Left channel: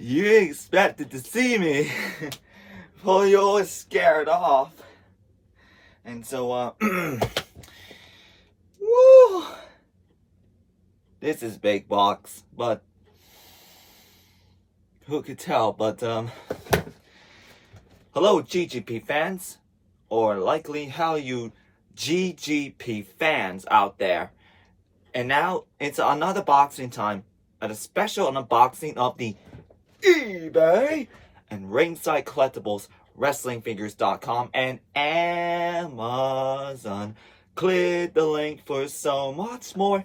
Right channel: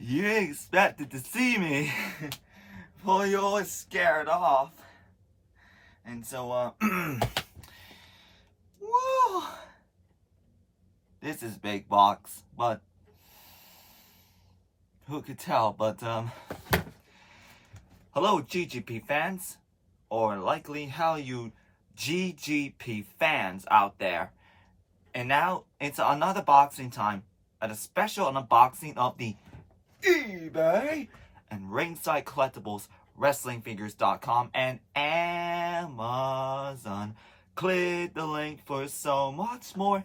You expected to see me before you all scared off. And so, woo! This is big box, but who could tell? But, hello, GGP fans, or likely how you GGP fans out there. And now it's another boxing time, at a special unboxing of the eBay and Ringside Collectibles, WrestlingFigures.com, and Amazon. Click the link for so much more.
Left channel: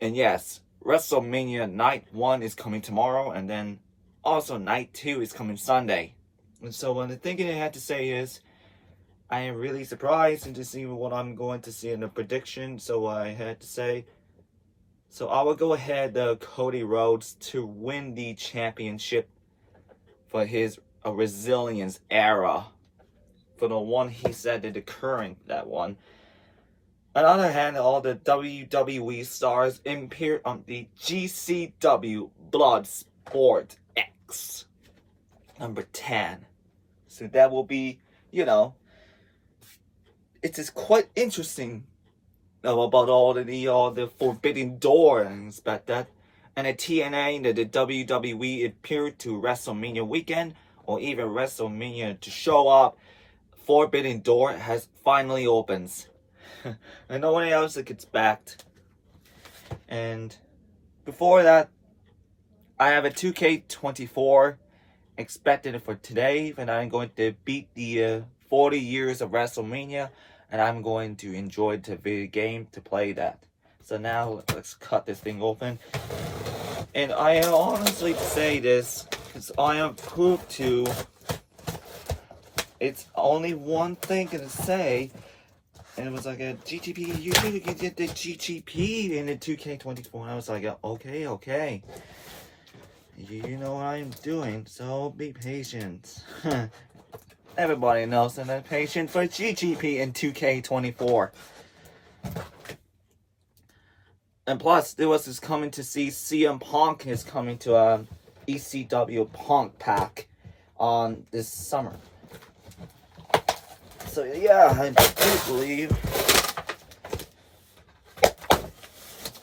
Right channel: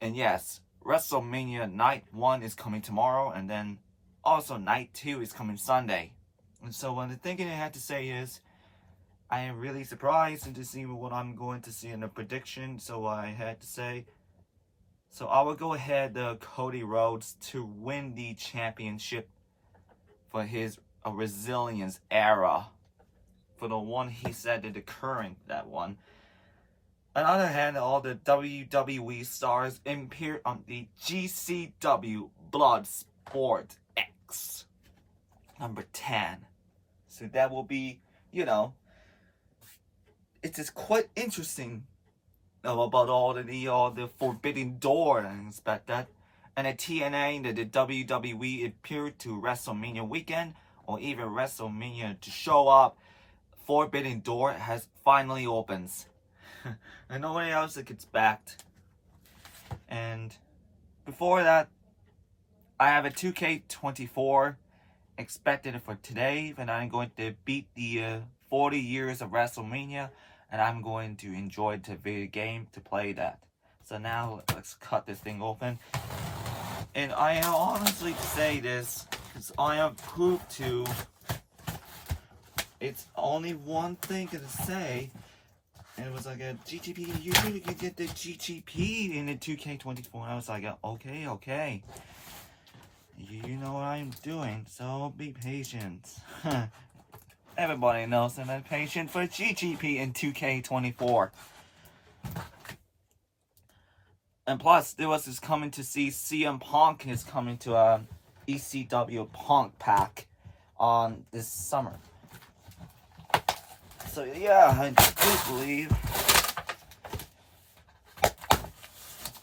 And yes, WrestleMania Night 1 is coming tomorrow, and then also Night 2 is coming Sunday. And so the thing I had to say is, I am really surprised to see what I'm going to see in the prediction, so I had to say, so I will go ahead Cody Rhodes to win the championship for his resilience era, for the one he said that the current that one. On the other hand, all the WWE stars appeared on the GCW Bloodsport X number 10. So that will be, you know, it is quite interesting about all the Forbidden Door and stuff like that. And the TNA, the WWE appeared to WrestleMania weekend, or even WrestleMania to show up. Forbidden Door has finally opens. And no one else gets backed. And before that, I have a 2K24 expected for today, and I'm going to beat the 40 years of WrestleMania, and I'm going to enjoy the video game to play that. So now let's cut this thing open. And I honestly say this, because I am proved to, it's only one thing to say, and it was like a GTP, you can get the GTP in the 2K24. I was like, okay. You know what I'm doing, so be patient. Everybody knows I'm patient for GGP in 2K24. And plus, there was this coming to see CM Punk is coming to a ECW Punk pack on this summer. So yeah, I do believe,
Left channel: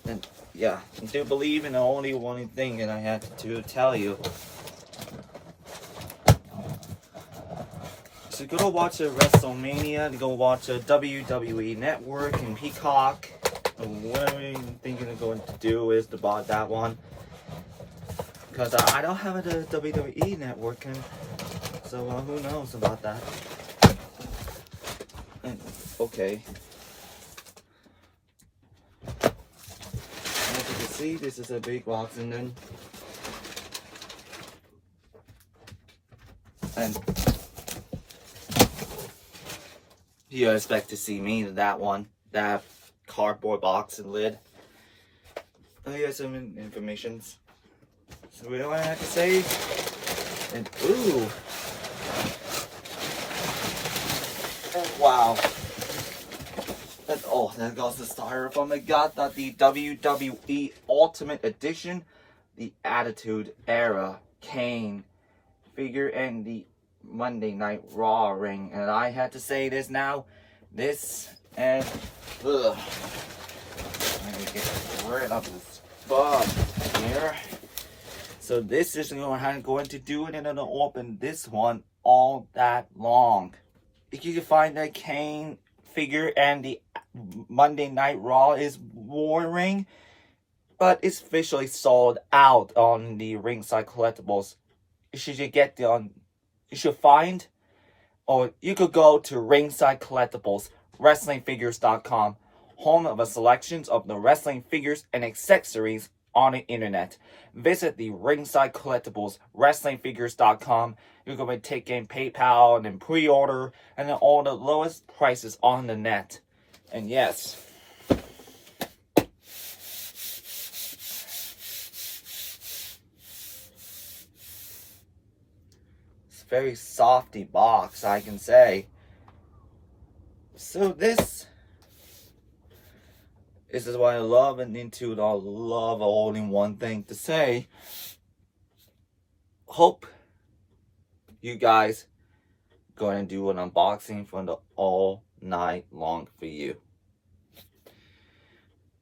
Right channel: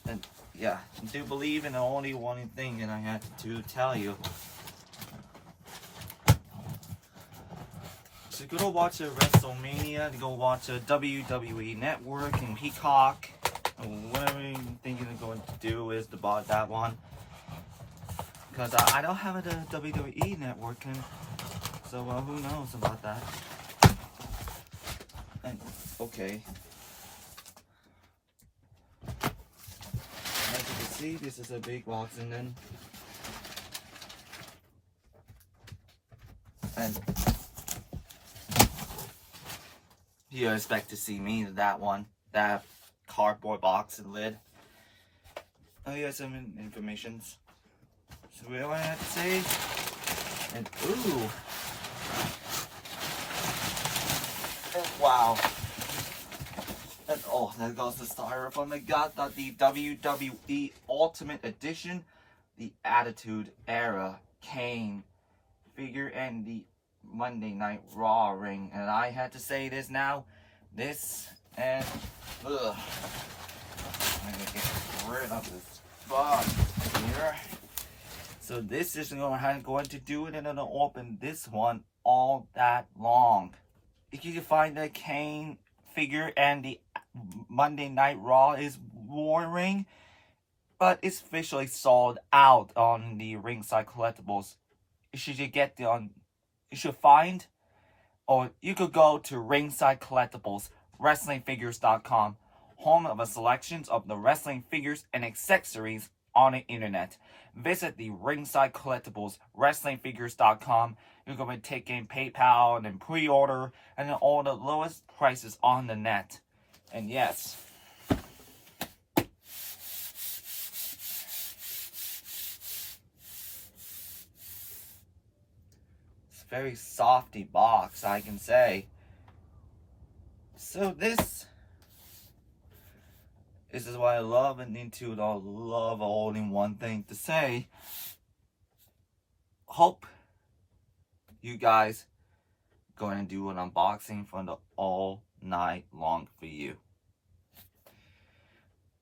and yeah, I do believe in the only one thing that I had to tell you. So go watch a WrestleMania, go watch a WWE Network and Peacock. Whatever you're thinking of going to do is to buy that one. Because I don't have a WWE Network, and so who knows about that. And, okay. As you can see, this is a big box, and then you expect to see me in that one, that cardboard box and lid. Oh yeah, some information. So what do I have to say? And ooh, and wow. And oh, there goes the styrofoam. I got that the WWE Ultimate Edition, the Attitude Era Kane figure, and the Monday Night Raw ring. And I had to say this now. This and ugh. I'm gonna get rid of this bug here. So this is what I'm going to do, and I'm gonna open this one all that long. If you can find the Kane figure and the Monday Night Raw is War ring, but it's officially sold out on the Ringside Collectibles. You should get the you should find, or you could go to Ringside Collectibles, WrestlingFigures.com, home of a selection of the wrestling figures and accessories on the internet. Visit the Ringside Collectibles WrestlingFigures.com. You're going to be taking PayPal and then pre-order and then all the lowest prices on the net. And yes, it's a very softy box, I can say. So this is what I love and into the love all in one thing to say. Hope you guys going to do an unboxing for the all night long for you.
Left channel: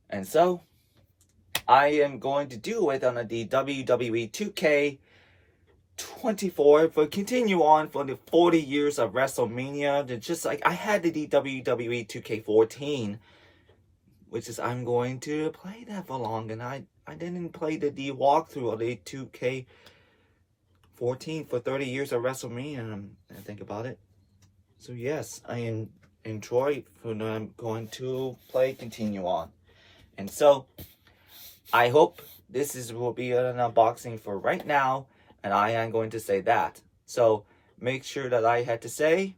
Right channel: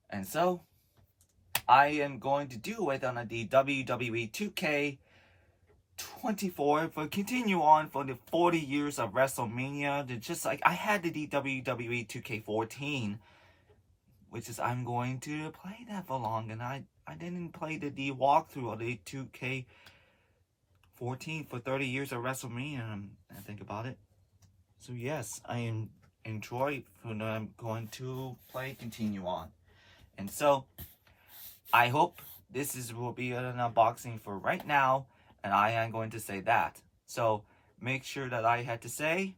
And so I am going to do it on the WWE 2K24 for continue on for the 40 years of WrestleMania. Just like I had the WWE 2K14, which is I'm going to play that for long, and I didn't play the walkthrough of the 2K14 for 30 years of WrestleMania, and I think about it. So yes, I enjoy when I'm going to continue on. And so I hope will be an unboxing for right now, and I am going to say that. So make sure that I had to say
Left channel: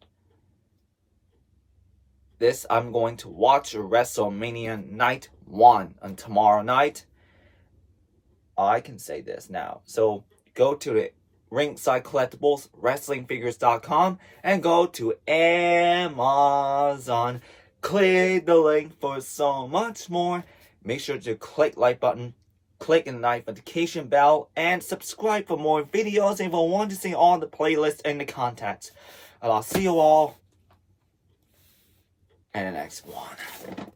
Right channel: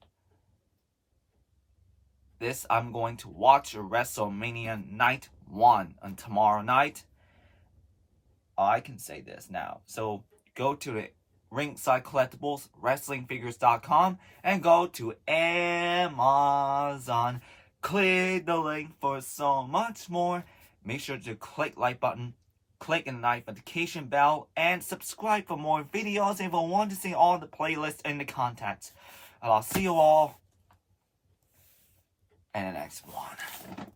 this. I'm going to watch WrestleMania Night 1 on tomorrow night. I can say this now. So go to the Ringside Collectibles WrestlingFigures.com and go to Amazon. Click the link for so much more. Make sure to click like button, click the notification bell, and subscribe for more videos if you want to see all the playlists and the content. And I'll see you all in the next one.